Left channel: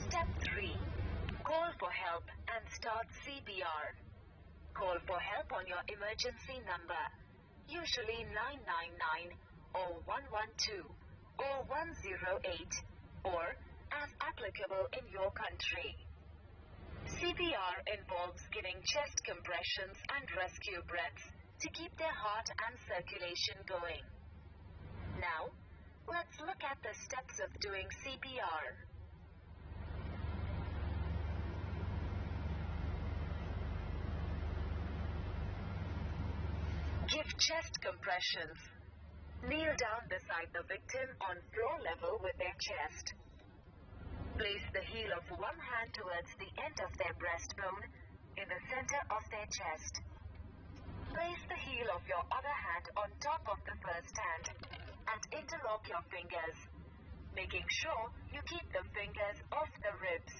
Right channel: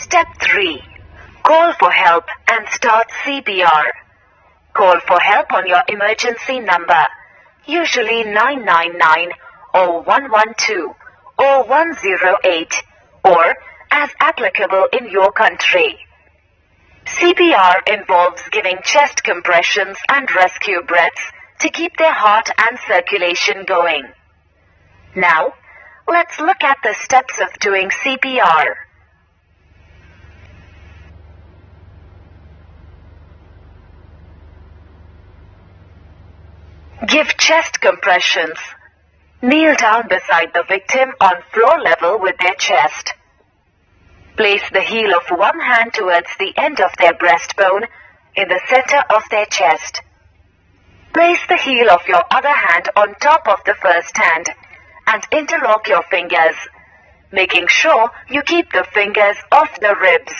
Step 3. Call for help and start CPR. Call for help on your emergency number, usually 999 or 112 or 108 or as applicable in your country. CPR involves giving chest compressions and rescue breaths to keep their heart and circulation going. Now, let's look at the steps of doing CPR. Give chest compressions. Kneel down beside the victim on floor level with their chest. Place the heel of one hand towards the end of their breastbone in the center of their chest. Place the heel of your other hand on top of the first hand and interlock your fingers, making sure you keep the fingers off the ribs.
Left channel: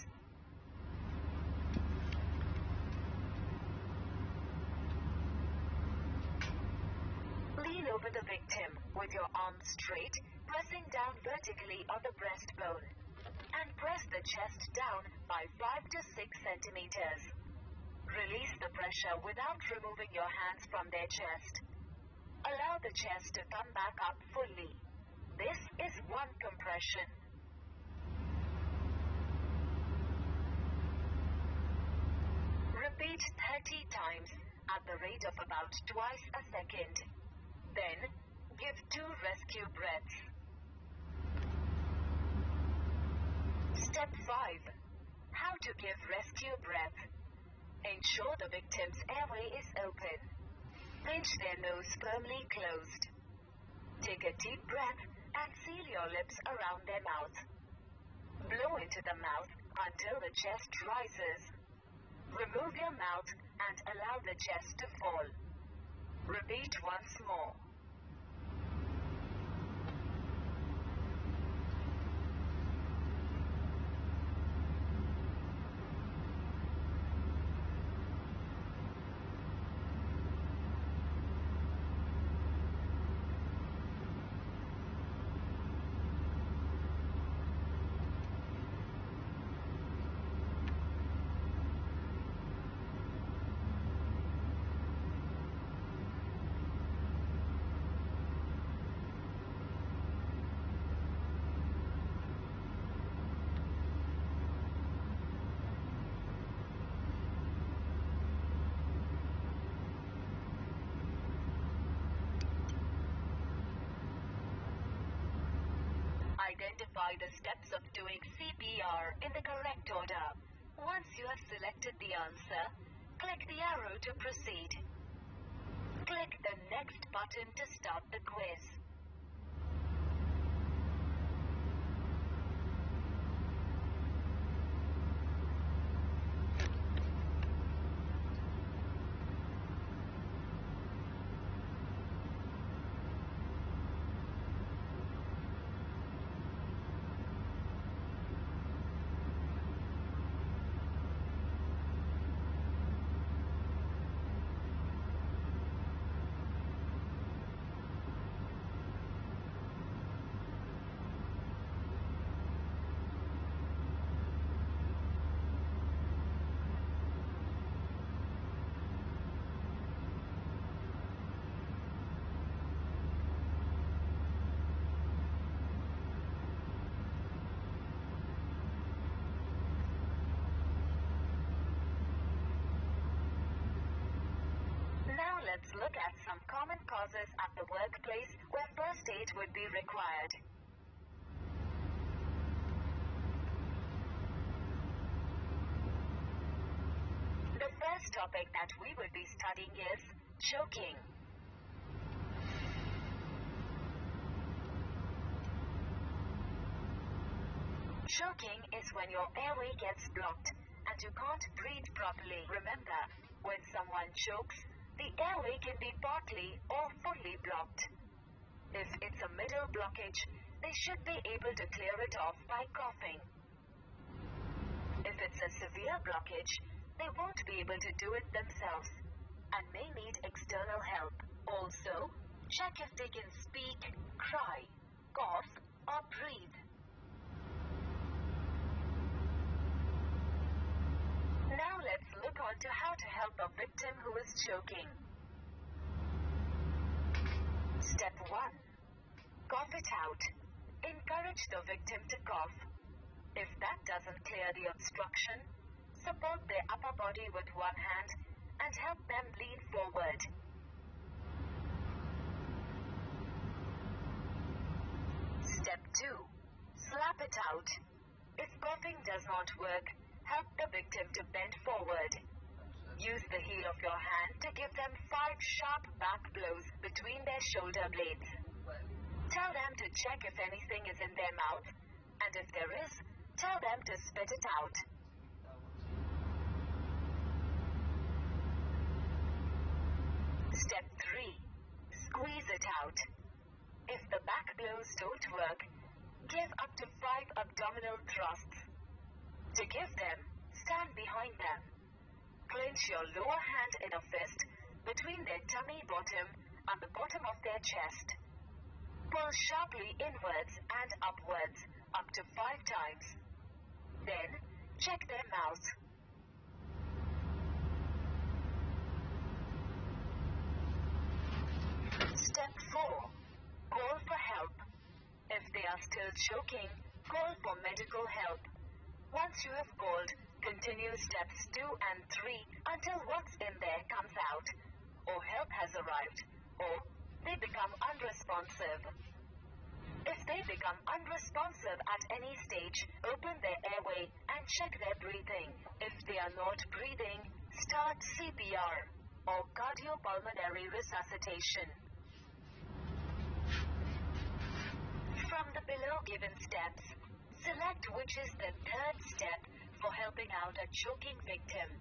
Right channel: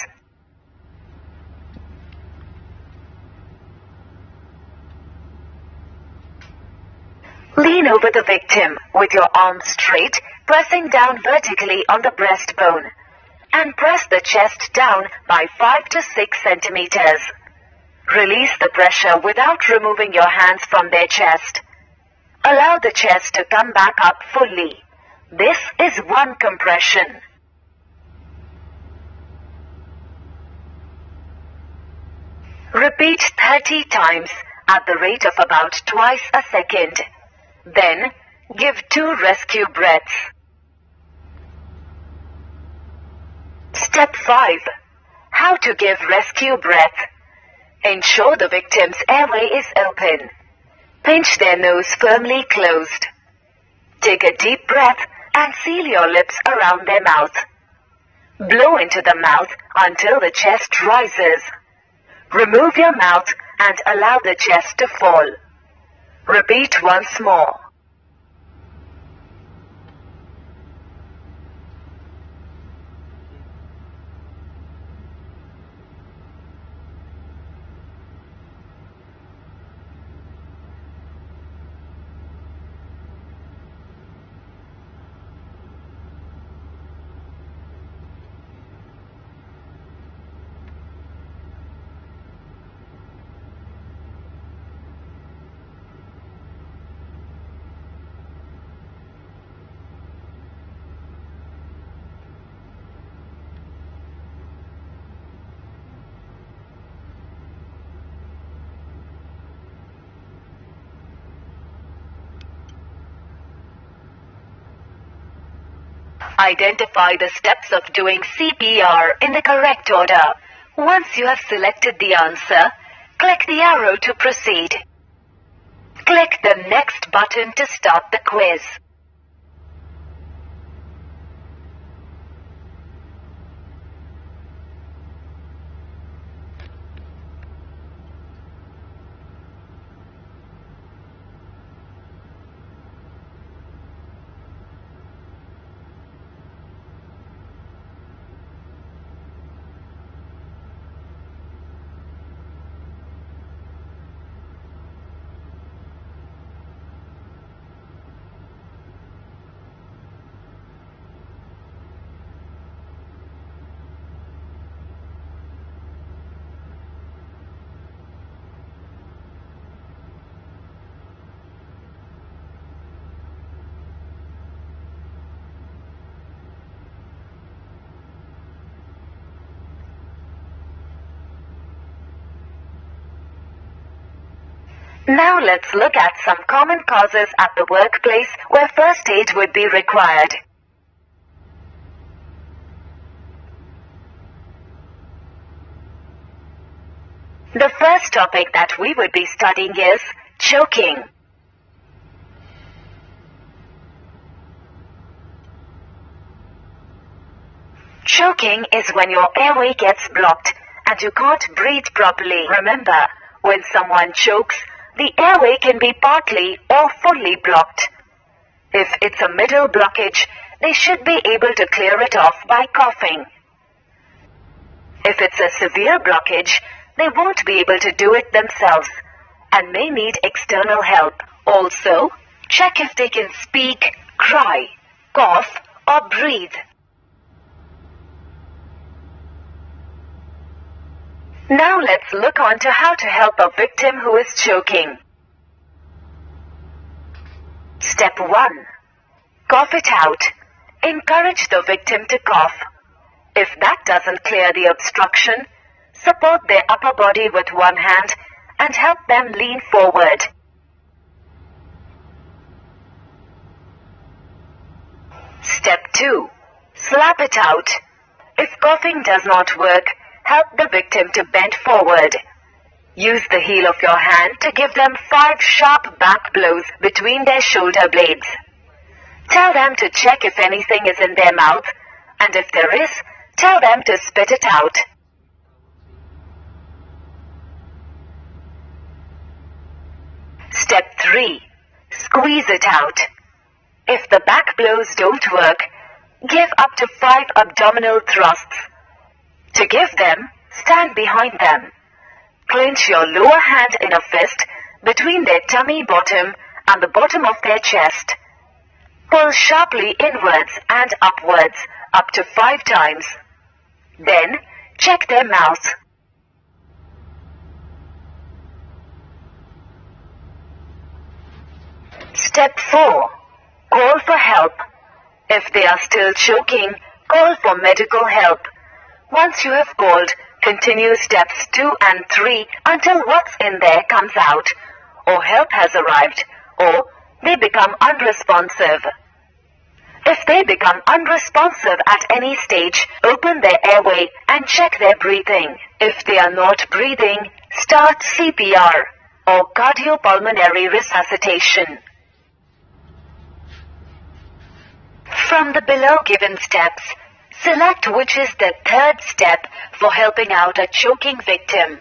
Lean over the victim with your arms straight, pressing down vertically on the breastbone, and press the chest down by 5 to 6 centimeters. Release the pressure without removing your hands from their chest. Allow the chest to come back up fully. This is one compression. Repeat 30 times at the rate of about twice a second. Then, give 2 rescue breaths. Step 5. How to give rescue breath. Ensure the victim's airway is open. Pinch their nose firmly closed. Take a deep breath and seal your lips around their mouth. Blow into the mouth until the chest rises. Remove your mouth and allow the chest to fall. Repeat once more. Identify the steps of doing CPR in the correct order. Once you have selected the answer, click the arrow to proceed. Click the Next button to start the quiz. Now let's look at some common causes at the workplace where first aid would be required. The first topic that we would be studying is choking. Choking is when your airway gets blocked and you can't breathe properly. Remember, when someone chokes, the airway can be partly or fully blocked. If it's a middle blockage, they should be able to clear it off by coughing. If it's a severe blockage, they won't be able to do it themselves and may need external help. Also, check if they can speak, cry, cough, or breathe. Now let's look on to how to help a victim who is choking. Step 1. Cough it out. Encourage the victim to cough. If that doesn't clear the obstruction, support their upper body with one hand and help them lean forward. Step 2. Slap it out. If coughing does not work, help the victim to bend forward. Use the heel of your hand to give them 5 sharp back blows between their shoulder blades. Tell them to check if anything is in their mouth, and if there is, tell them to spit it out. Step 3. Squeeze it out. If the back blows don't work, give up to 5 abdominal thrusts. To give them, stand behind them. Clench your lower hand in a fist between their tummy bottom and the bottom of their chest. Pull sharply inwards and upwards up to 5 times. Then, check their mouth. Step 4. Call for help. If they are still choking, call for medical help. Once you have called, continue steps 2 and 3 until what's in there comes out, or help has arrived, or they become unresponsive. If they become unresponsive at any stage, open their airway and check their breathing. If they are not breathing, start CPR or cardiopulmonary resuscitation. From the below given steps, select which is the third step for helping out a choking victim.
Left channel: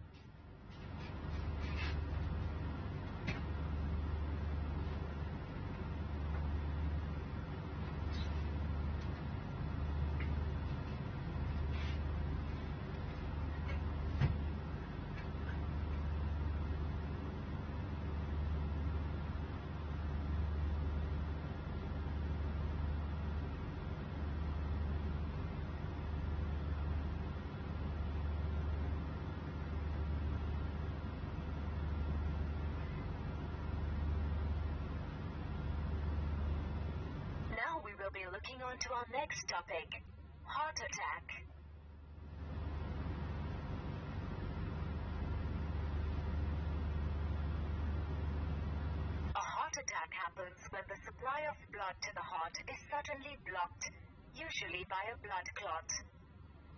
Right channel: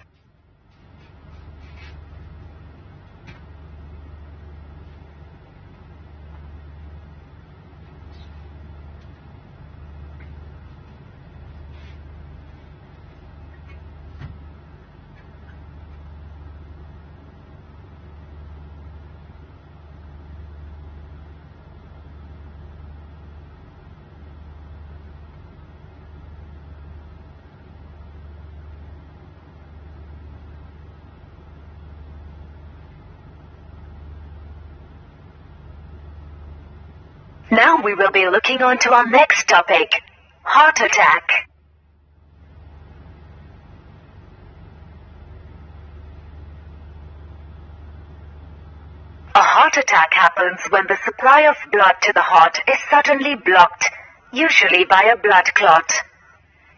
Now we will be looking on to our next topic, heart attack. A heart attack happens when the supply of blood to the heart is suddenly blocked, usually by a blood clot.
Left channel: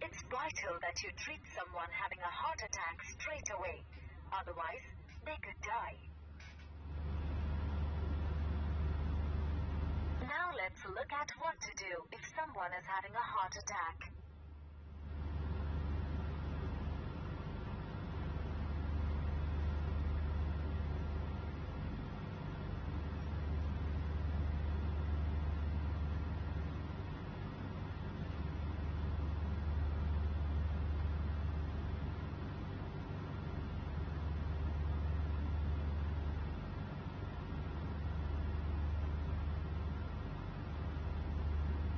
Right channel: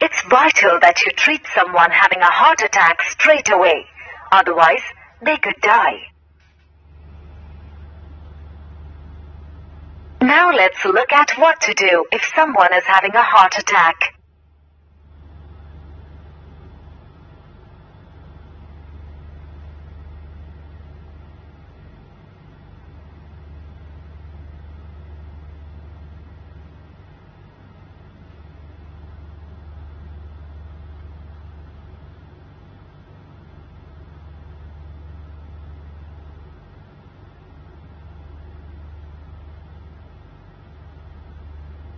It's vital that you treat someone having a heart attack straight away, otherwise they could die. Now let's look at what to do if someone is having a heart attack.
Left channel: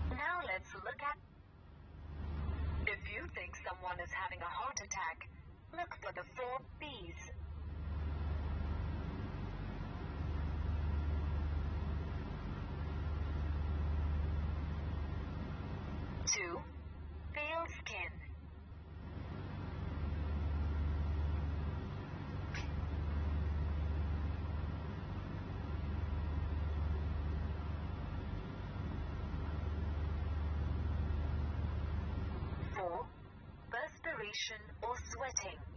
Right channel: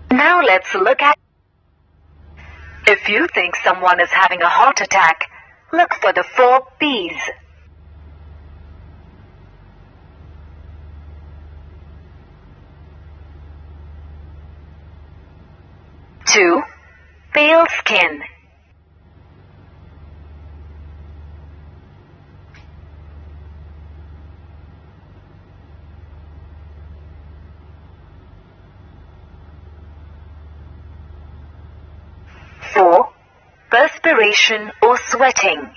Now let's look at... If you think someone is having a heart attack, look for the 4 P's. Two, pale skin. 4. Perspiration or sweating. 5.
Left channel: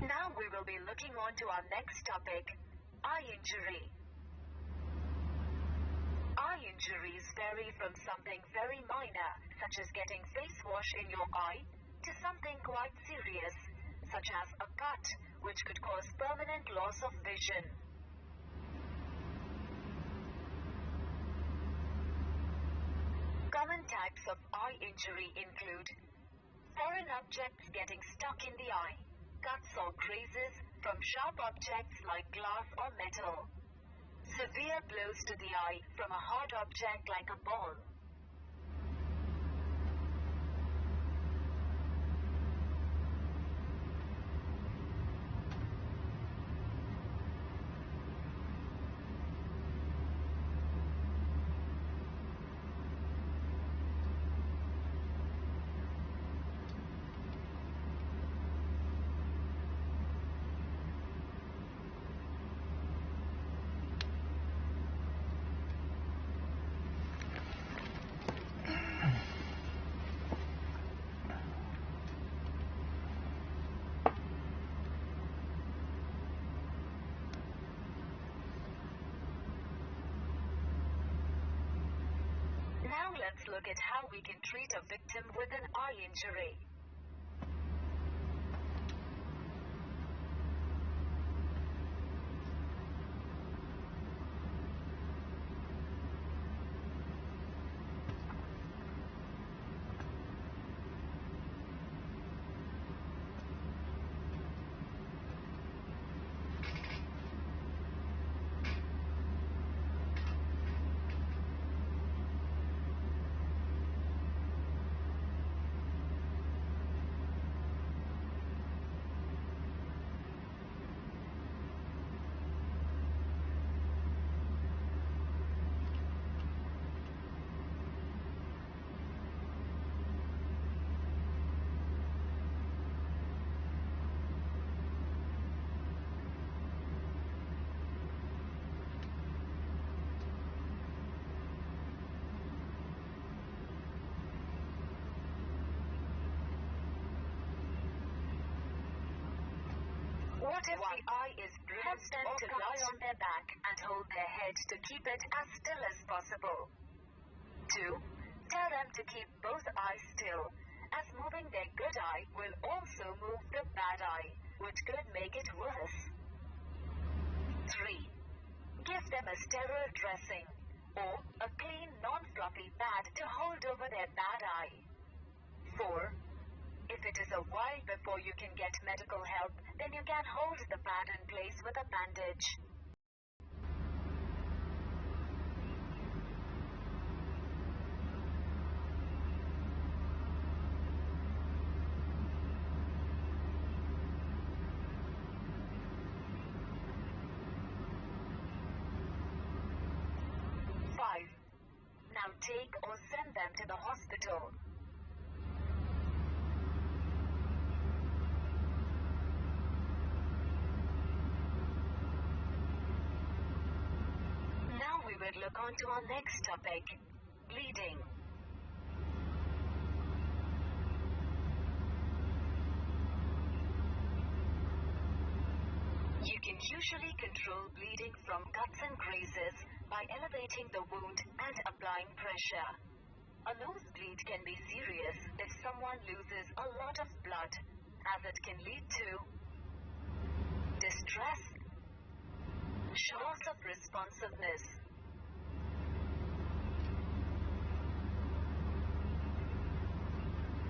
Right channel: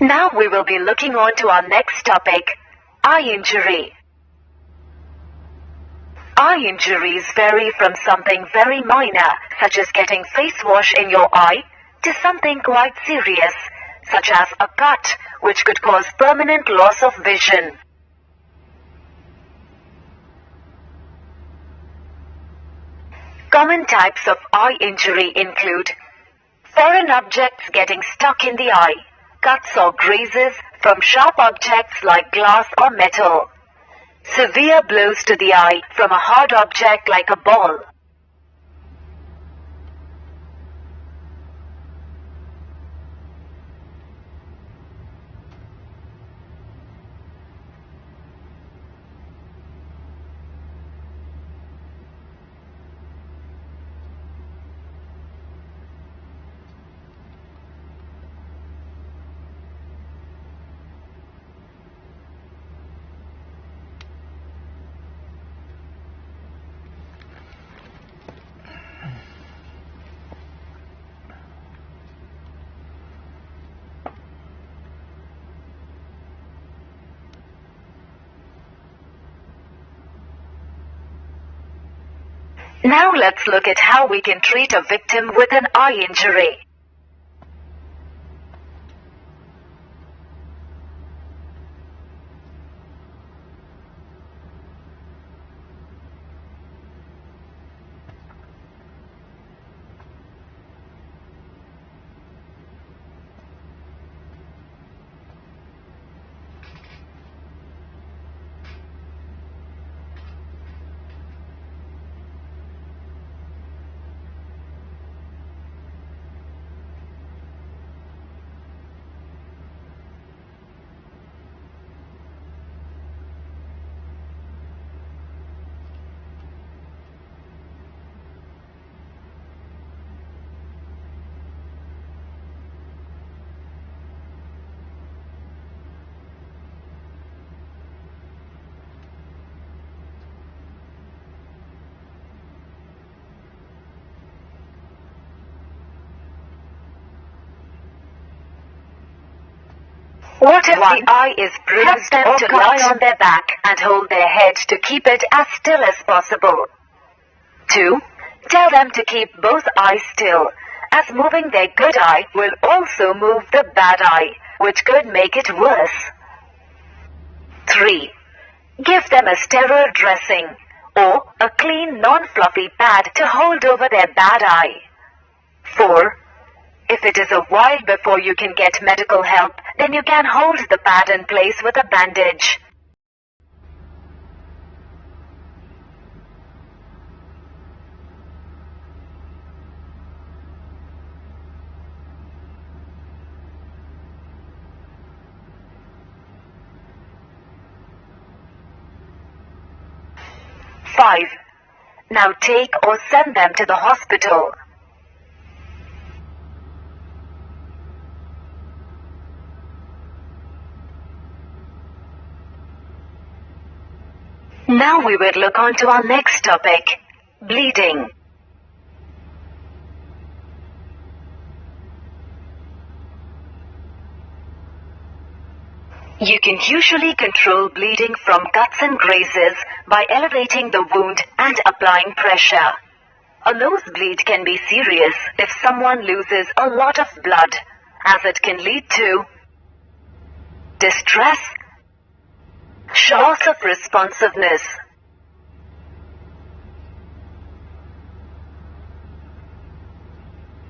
Now we will be looking on to our next topic, eye injury. Eye injuries vary from something very minor, such as getting face wash in your eye, to something quite serious, such as a cut, which could cause permanent loss of vision. Common types of eye injury include foreign objects getting stuck in the eye, cuts or grazes from sharp objects like glass or metal, severe blows to the eye from a hard object like a ball. Now let's look at how we can treat a victim with an eye injury. What if the eye is bruised? Help them to lie on their back and hold their head to keep it as still as possible. 2. Tell them to keep both eyes still, as moving their good eye will also move the bad eye, which could make it worse. 3. Give them a sterile dressing or a clean non-fluffy pad to hold over their bad eye. 4. If it is a while before you can get medical help, then you can hold the pad in place with a bandage. Five. Now take or send them to the hospital. Now we will look on to our next topic, bleeding. You can usually control bleeding from cuts and grazes by elevating the wound and applying pressure. A nosebleed can be serious if someone loses a lot of blood, as it can lead to distress, loss of responsiveness.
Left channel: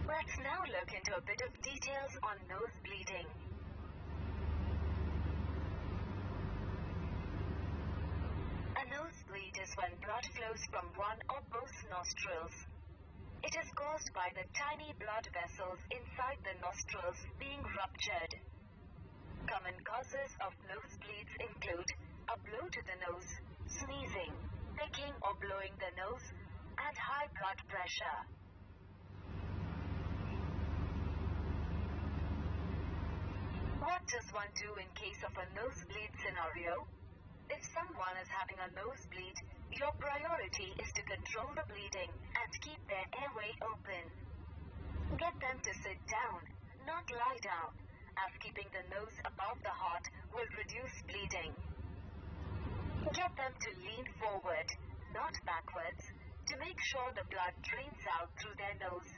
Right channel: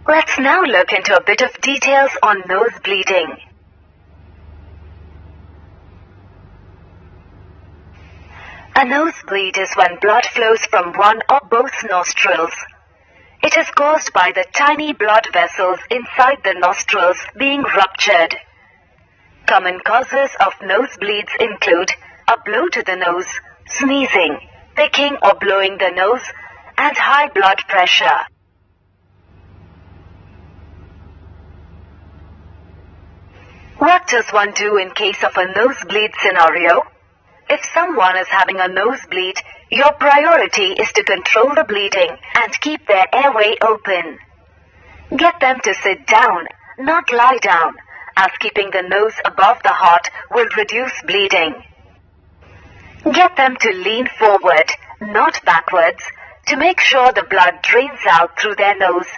Let's now look into a bit of details on nose bleeding. A nosebleed is when blood flows from one or both nostrils. It is caused by the tiny blood vessels inside the nostrils being ruptured. Common causes of nosebleeds include a blow to the nose, sneezing, picking or blowing the nose, and high blood pressure. What does one do in case of a nosebleed scenario? If someone is having a nosebleed, your priority is to control the bleeding and keep their airway open. Get them to sit down, not lie down, as keeping the nose above the heart will reduce bleeding. Get them to lean forward, not backwards, to make sure the blood drains out through their nose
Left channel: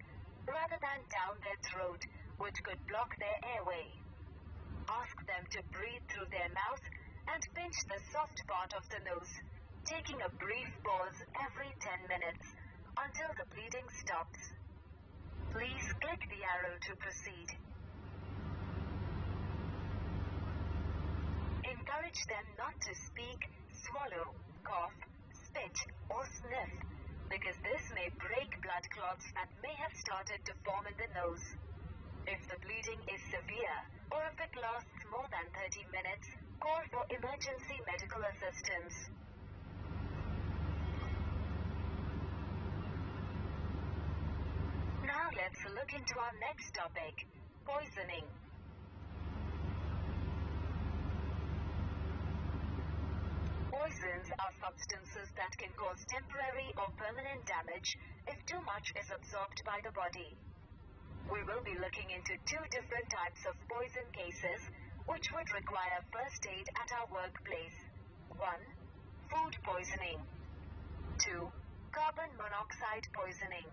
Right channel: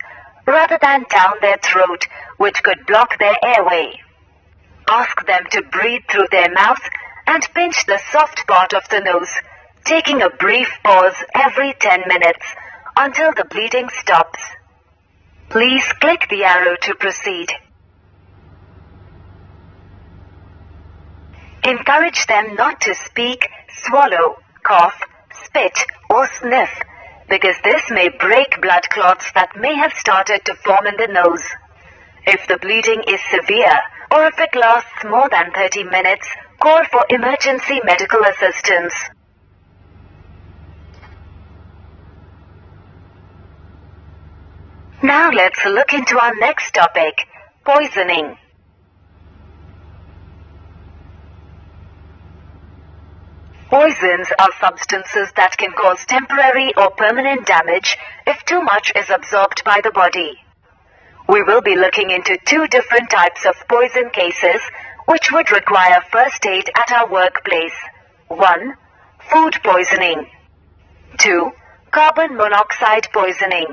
rather than down their throat, which could block their airway. Ask them to breathe through their mouth and pinch the soft part of the nose, taking a brief pause every 10 minutes until the bleeding stops. Please click the arrow to proceed. Encourage them not to speak, swallow, cough, spit, or sniff, because this may break blood clots that may have started to form in the nose. If the bleeding is severe, or if it lasts more than 30 minutes, call for emergency medical assistance. Now let's look into our next topic, poisoning. Poisons are substances that can cause temporary or permanent damage if too much is absorbed by the body. We will be looking into two different types of poison cases which would require first aid at our workplace. 1. Food poisoning. 2. Carbon monoxide poisoning.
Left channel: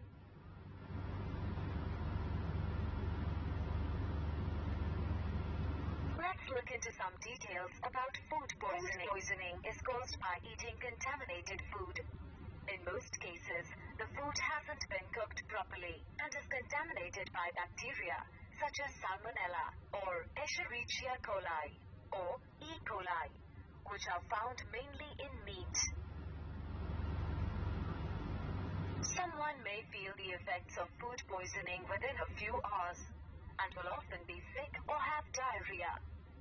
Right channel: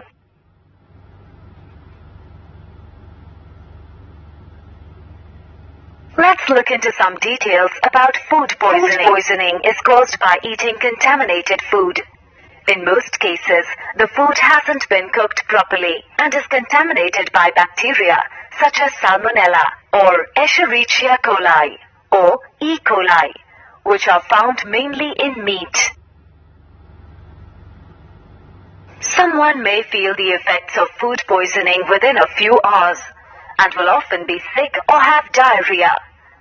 Let's look into some details about food poisoning. Food poisoning is caused by eating contaminated food. In most cases, the food hasn't been cooked properly and is contaminated by bacteria such as Salmonella or Escherichia coli or E. coli, which are found mainly in meat. Someone may feel the effects of food poisoning within a few hours and will often be sick or have diarrhea.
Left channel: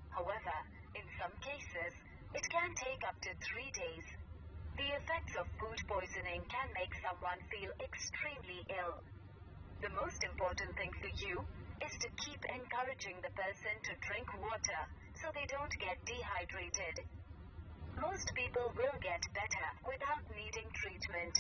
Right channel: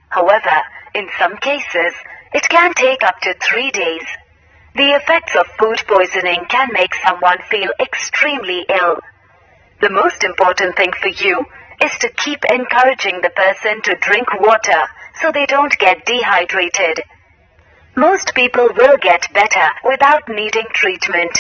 However, in some cases, it can take up to 3 days. The effects of food poisoning can make someone feel extremely ill. The most important thing for you is to keep encouraging the person to drink water so they don't get dehydrated. Most people will get better without needing treatment.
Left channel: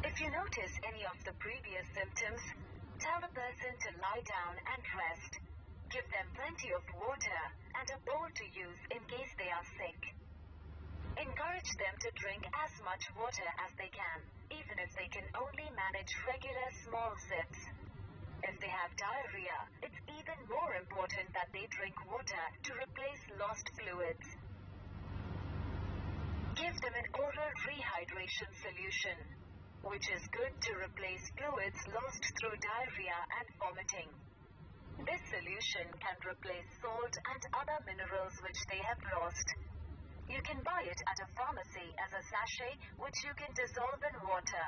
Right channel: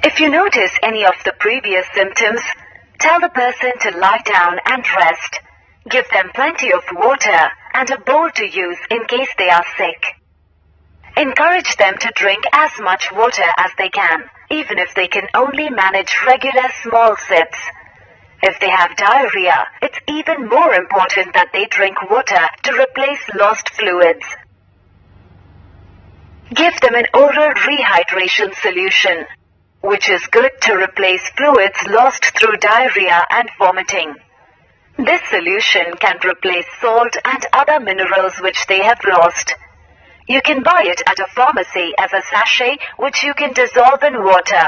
If you notice any of the previous symptoms, tell the person to lie down and rest. Give them plenty of water and a bowl to use in case they are sick. Encourage them to drink as much water as they can, even if they can only manage regular small sips. If they have diarrhea, it's even more important that they drink water to replace lost fluids. Give them an oral rehydration solution, which is good to replace fluids lost through diarrhea and vomiting. This solution can replace salt and other minerals which they have lost. You can buy it at a pharmacy as a sachet which you can dissolve in water.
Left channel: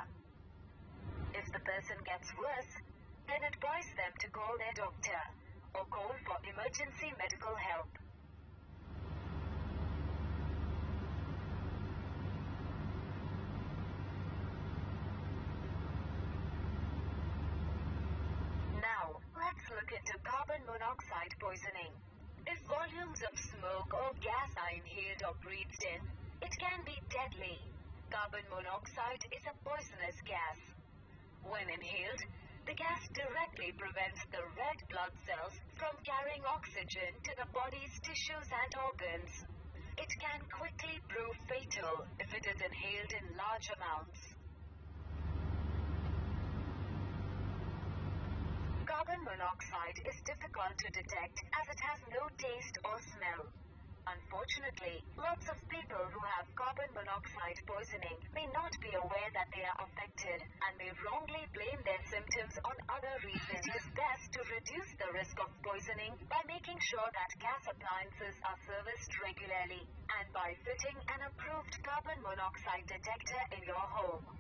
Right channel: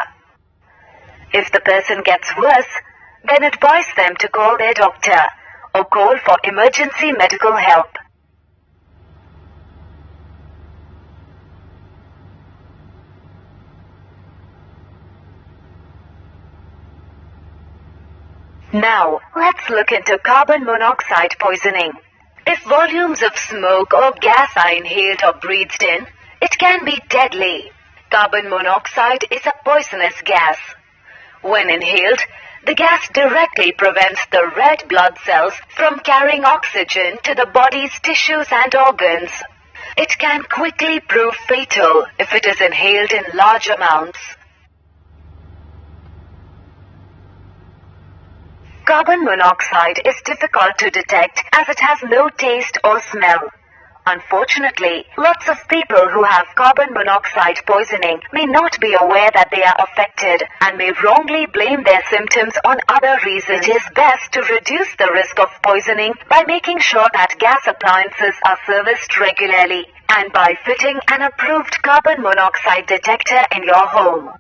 If the person gets worse, then advise them to call their doctor or call for emergency medical help. Now, let's look into carbon monoxide poisoning. If volumes of smoke or gas are inhaled or breathed in, it can be deadly. Carbon monoxide is a poisonous gas. When inhaled, the gas directly prevents the red blood cells from carrying oxygen to the body's tissues and organs. It can quickly prove fatal if it is inhaled in large amounts. Carbon monoxide is difficult to detect as it has no taste or smell. Unfortunately, lots of people who have carbon monoxide poisoning may not be aware that they are affected and may wrongly blame their symptoms on other reasons. It is best to reduce the risk of poisoning by making sure that gas appliances are serviced regularly and by fitting an approved carbon monoxide detector in your home.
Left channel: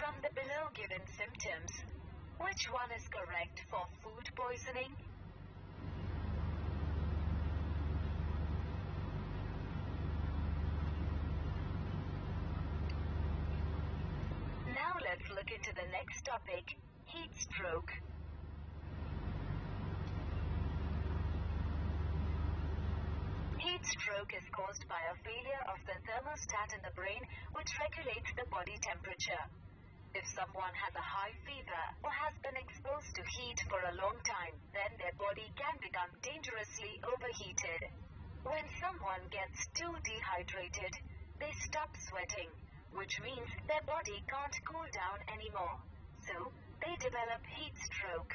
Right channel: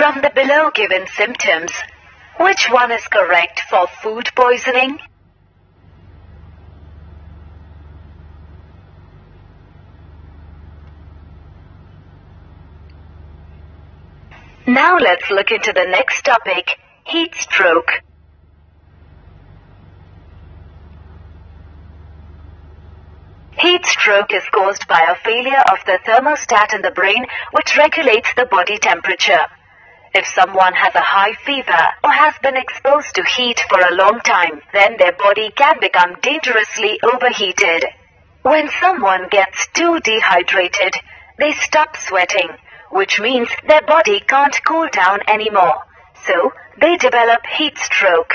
From the below given symptoms, which one is correct for food poisoning? Now let's look into the next topic, heat stroke. Heat stroke is caused by a failure of the thermostat in the brain, which regulates the body temperature. If someone has a high fever or has been exposed to heat for a long time, then their body can become dangerously overheated. When someone gets too dehydrated, they stop sweating, which means their body can't cool down anymore. So, they develop heat stroke.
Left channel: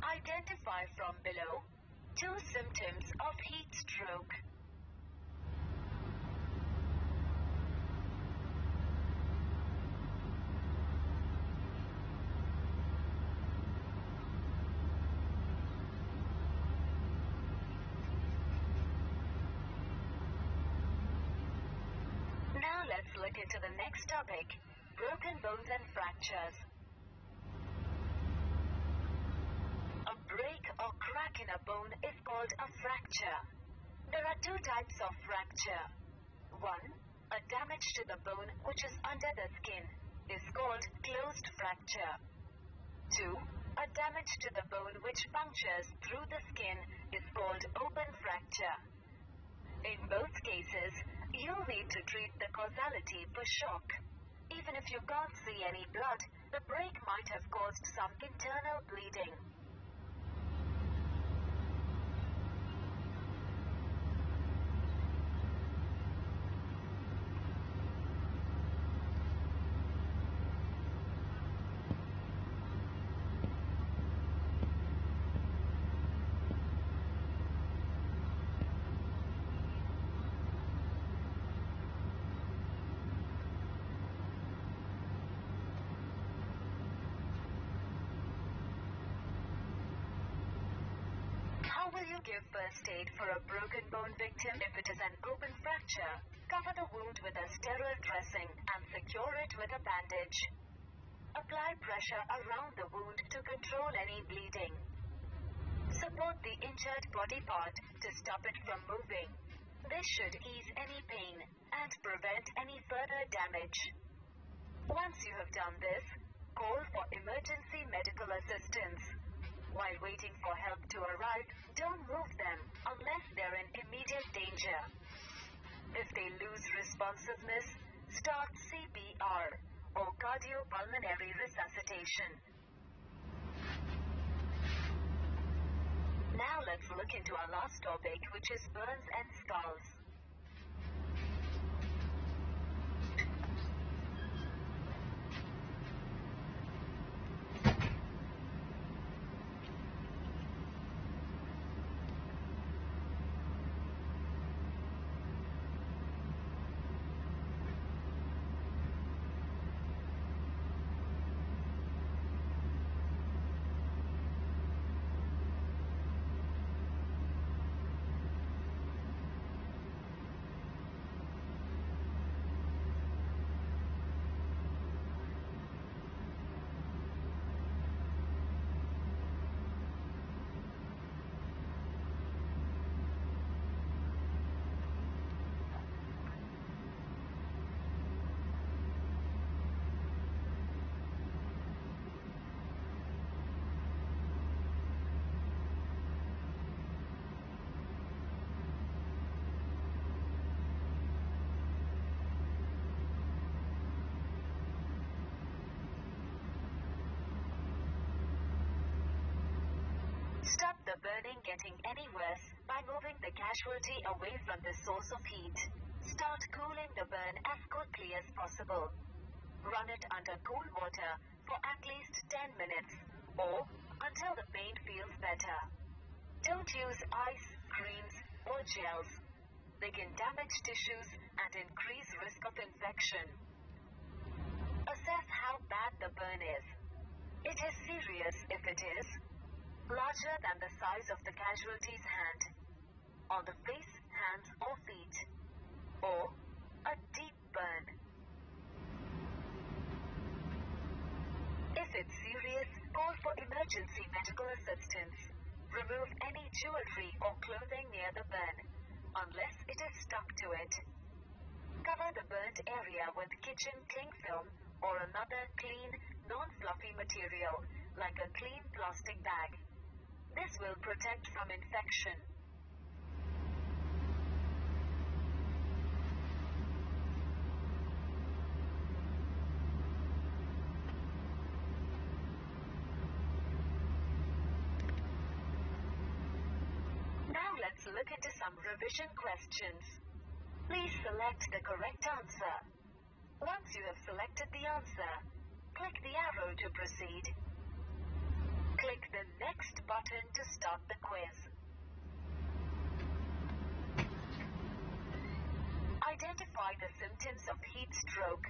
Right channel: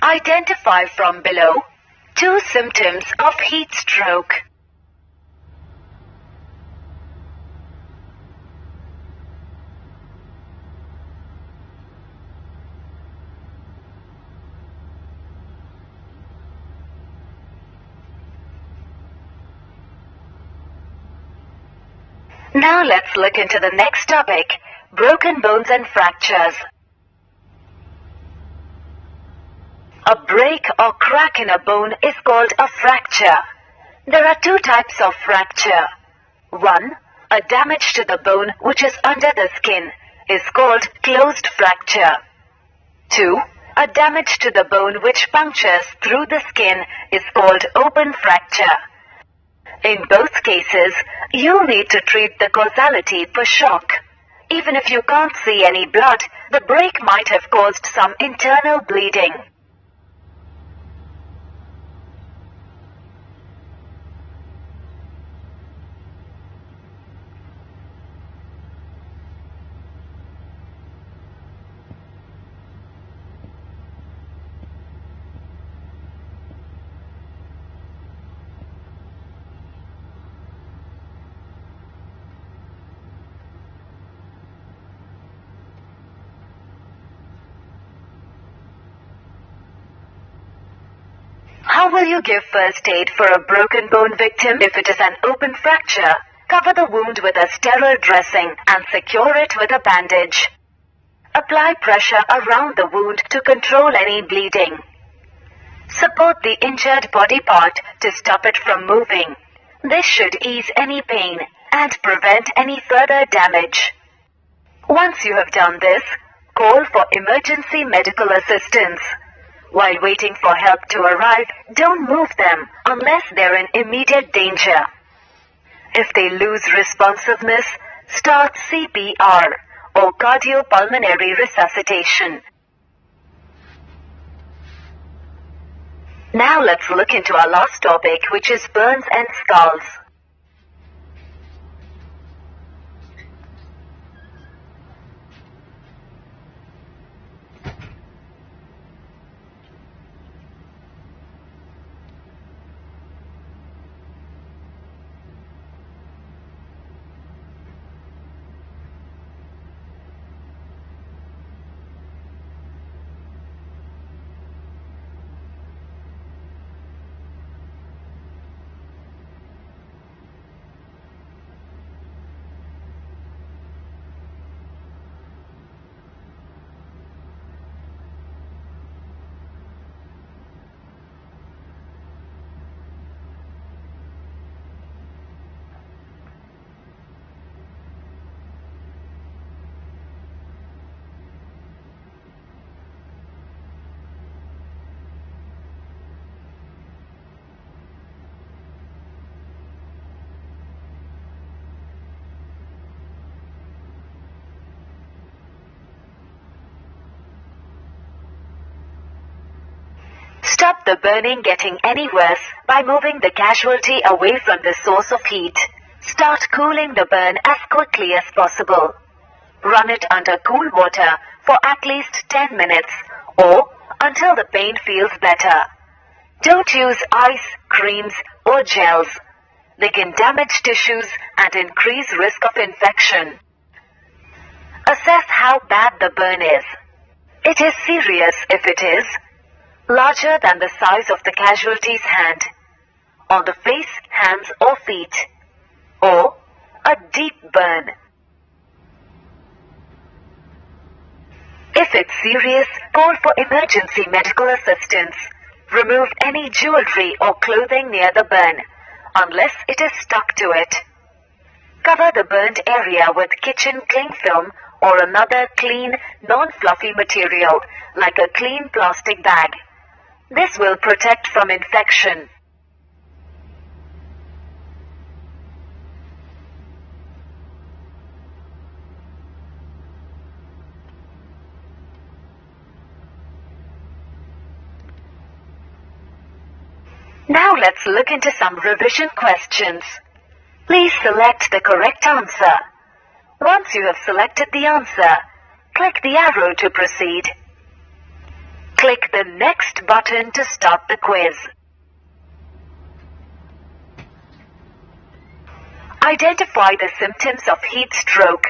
Identify from below 2 symptoms of heat stroke. Now let's look into the next topic, broken bones and fractures. A break or crack in a bone is called a fracture. There are 2 types of fracture. 1. A damage to the bone which is under the skin is called closed fracture. 2. A damage to the bone which punctures through the skin is called open fracture. In both cases, you need to treat the causality for shock. Even if you can't see any blood, the break might have caused some internal bleeding. How will you give first aid for a broken bone victim if it is an open fracture? Cover the wound with a sterile dressing and secure it with a bandage. Apply pressure around the wound to control any bleeding. Support the injured body part to stop it from moving. This should ease any pain and prevent any further damage. Once you have done this, call for emergency medical assistance. While waiting for help to arrive, don't move them unless they're in immediate danger. If they lose responsiveness, start CPR or cardiopulmonary resuscitation. Now let's look into our last topic, which is burns and scalds. Stop the burning getting any worse by moving the casualty away from the source of heat. Start cooling the burn as quickly as possible. Run it under cool water for at least 10 minutes or until the pain feels better. Don't use ice, creams, or gels. They can damage tissues and increase risk of infection. Assess how bad the burn is. It is serious if it is larger than the size of the casualty's hand, on the face, hands, or feet, or a deep burn. If it's serious, call for emergency medical assistance. Remove any jewelry or clothing near the burn, unless it is stuck to it. Cover the burned area with kitchen cling film or another clean, non-fluffy material, like a clean plastic bag. This will protect from infection. Now let's look into some revision questions. Please select the correct answer. Once you have selected the answer, click the arrow to proceed. Click the Next button to start the quiz. Identify the symptoms of heat stroke,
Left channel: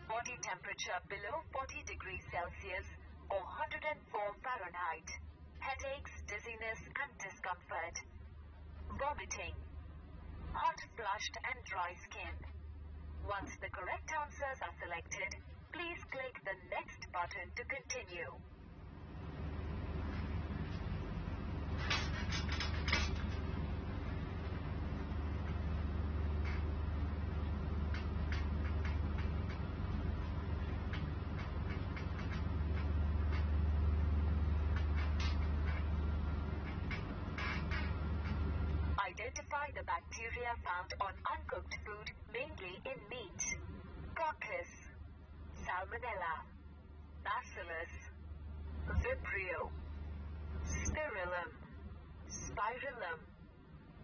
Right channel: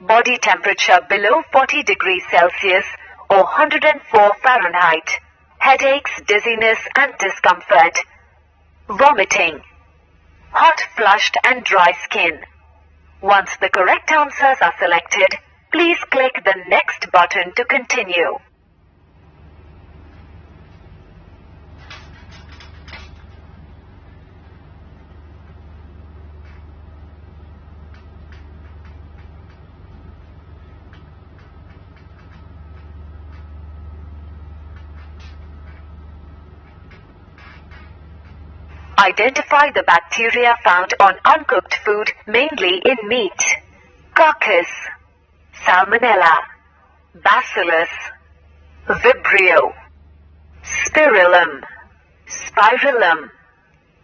body temperature below 40 degrees Celsius or 104 Fahrenheit, headaches, dizziness and discomfort, vomiting, hot flushed and dry skin. Once the correct answers are selected, please click the Next button to continue. Identify the bacteria found on uncooked food, mainly in meat. Coccus, Salmonella, Bacillus, Vibrio, Spirillum, Spirillum.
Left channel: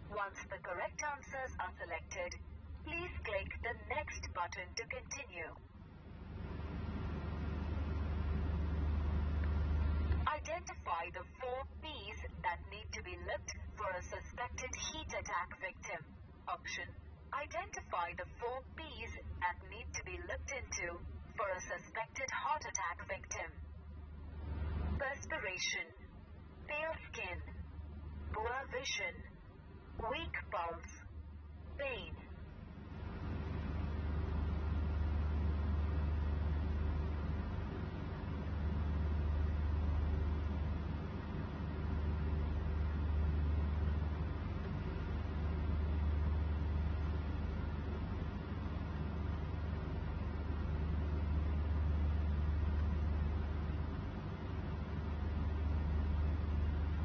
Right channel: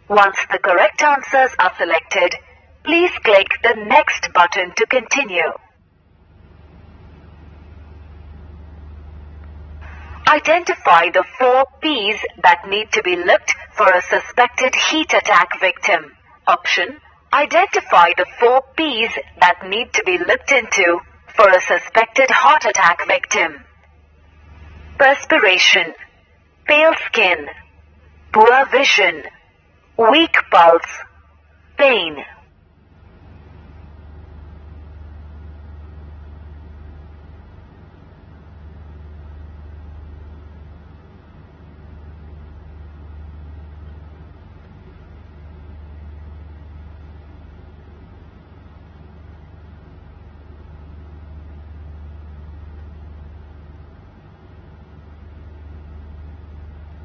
Once the correct answers are selected, please click the Next button to continue. Identify the 4 P's that need to be looked for a suspected heat attack victim. Option: identify the 4 P's that need to be looked into for a suspected heart attack victim. Perspiration, pale skin, poor vision, weak pulse, pain.